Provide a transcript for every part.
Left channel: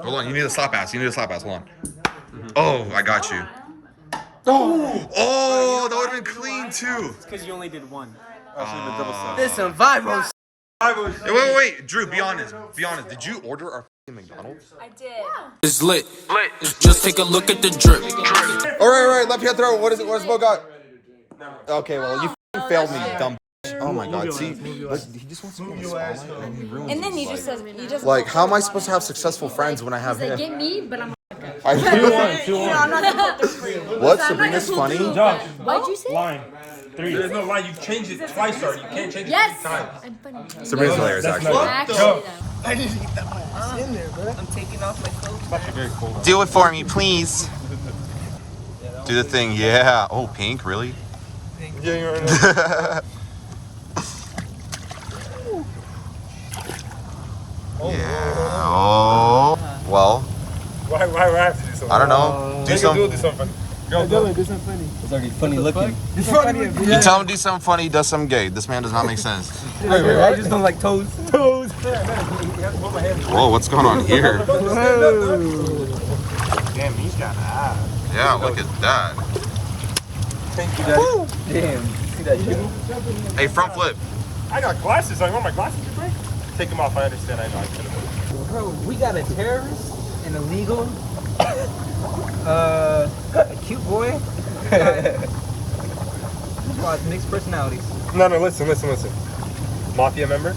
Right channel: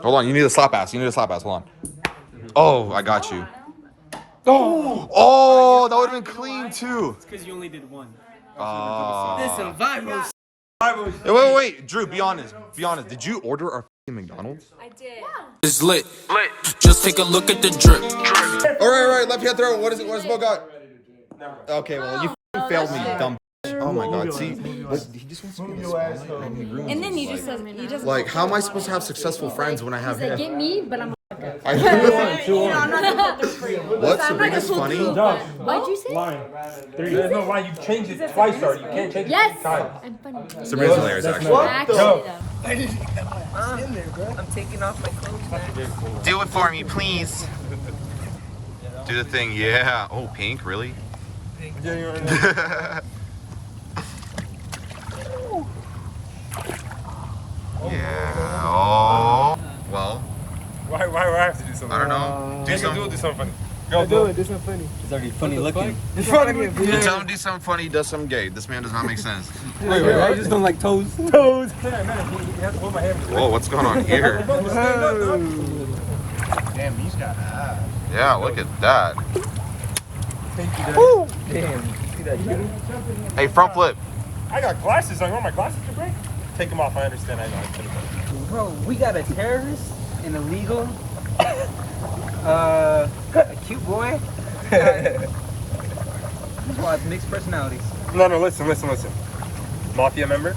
Hold on, you need a slap ass. Hold on. Oh, I got you. Oh, that would have been clean too. It's because you only did one. This survival. Wait. Drew, be honest. Did you order our McDonald's? I did. It's lit. Just take a look at the drip. All right. Left hand throw. What is it? What does Bo got? Okay, well, you failed me, dumb. Oh my God! See, he just wants to be in the spotlight, and he ruins. And then he his just life. said, he just Like, how am I supposed to have successful friends when I have him? get me, but I'm I I'm not gonna put them for you. What? Sabrina's funny? What'd you say? Line. 3. There's no line. You changed it twice already. You can't change it 3 times. I'm funny. Sabrina's hilarious, actually. Actually, though. I just need that my ass in there, bro. I'm taking off my clothes. Do it for me, please. Do the thing, yeah. Oh, pink, really? Yeah. Oh. Well, Why do I have to do something? I don't know. Do something. Do something. Do it. Do something funny. It's already funny looking. Do something funny. You tell him to do something funny, he does something gay. This man does not make sense. I just don't like toes. Whoa, what's going on here? Damn, he's got that. Yeah, look at that. Damn. See that shit? Hey, front flip. I got glasses on. You want my glasses to break? Take them off. I understand. I know. Bro, we got a terrorist, an illegal, a cute boy. Wow, mixed personalities. No, listen. Mafia member.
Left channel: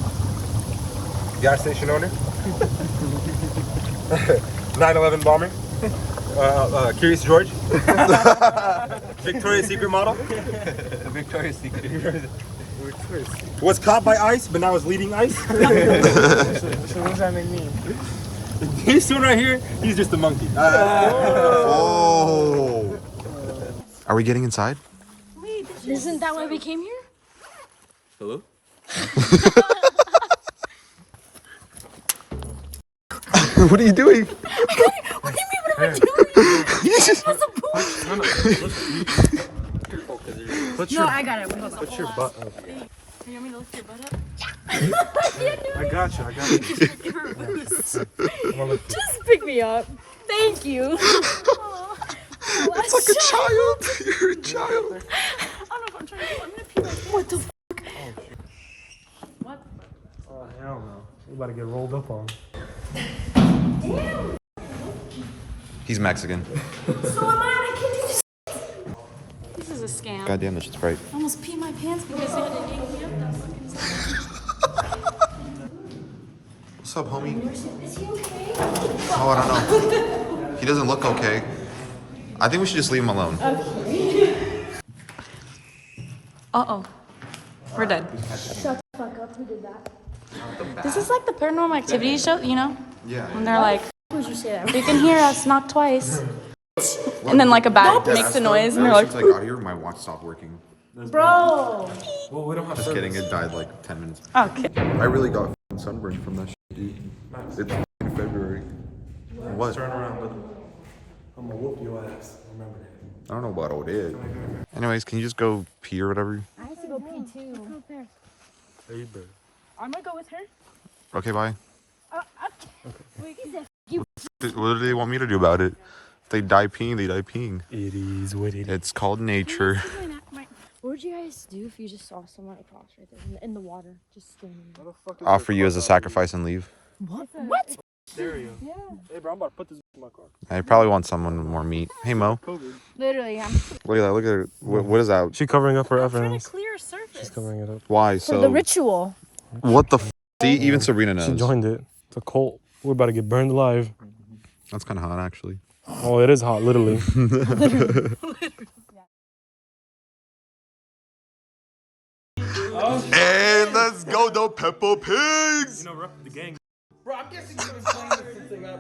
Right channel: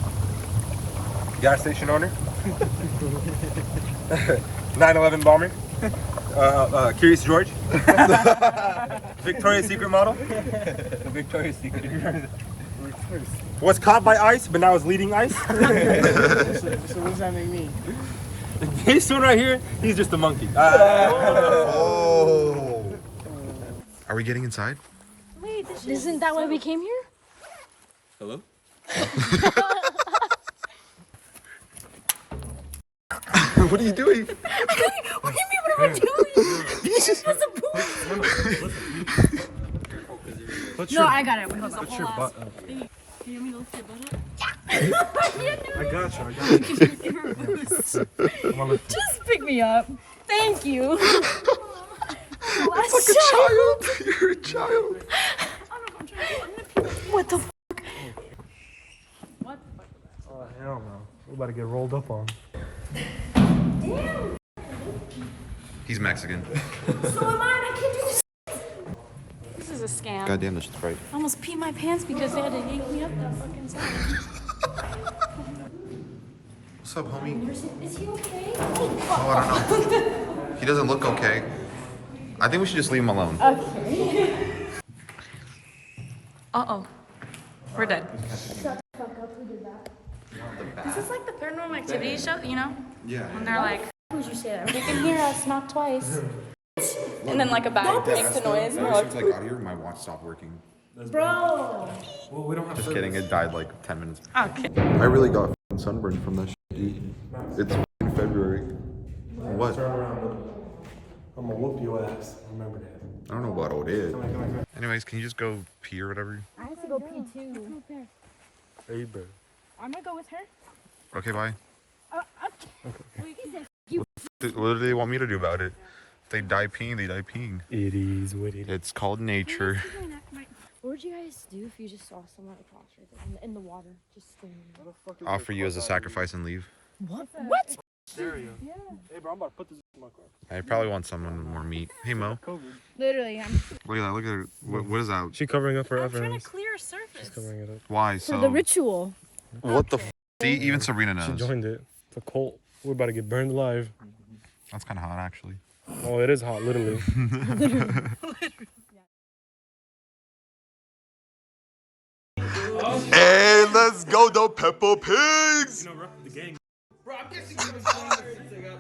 Gas station owner. 9/11 bomber. Curious George. Victoria's Secret model. Victoria's Secret. Was caught by ICE, but now is leading ICE. So what does that make me? This one right here, he's just a monkey. Oh. Are we getting inside? Wait, isn't that why we came here? Hello? What are you doing? What do you mean, what am I doing? No, I got it. Put your butt up. You want me to lift your butt up? I got you. Just pick me up. Thank you. It's like a child. You're a child. I don't know what I'm trying to do. I'm gonna pee my pants. What the f***? What? Hell no. We're about to get rolled up on. Damn. He's Mexican. So am I. I can't do this. This is a scam. God damn, this is right. I almost peed my pants because they had to yank me up. What's up, homie? Is he okay? Oh, I don't know. He doesn't look okay. I think we should just leave him alone. Uh-oh. We're dead. This is like the Paranormal Activity show, you know? Yeah. When they're like, you can hear us knock twice. And then like a bat makes a noise and you're like, Since I got here, my watch stopped working. bro. Well, we don't have Just kidding, it died like 10 minutes. Okay. I really got sunburned from that shit, dude. It's in February. What? Turn around, little. I'm gonna whoop your ass. Remember that. I don't know what it is. Anyways, can you just go pee or whatever? I have to go pee too. There you go. I'm gonna go with her. Okay, bye. Okay. What do they want me to do about it? If they die peeing, they die peeing. It is what it is. It's called nature. What would you guys do if you just saw someone across right there in the water, just standing there? Offer you as a sacrifice and leave. What? Stereo. Yeah. Hey, bro, I'm about to put this in my car. I probably want someone with more meat. Hey, Mo. Literally, I'm Look at that. Look at it. What is that? She covering up her trying to evidence. clear a surface. She's covering it up. Why? For the So, ritual. what the f? See, even Sabrina She knows. joined it. It's a cult. We're about to get burned alive. That's kind of hot, actually. Oh, it is hot, literally. Hey, let's go, the Peppa Pigs! The gang. Bro, I'm guessing you've been playing this since they got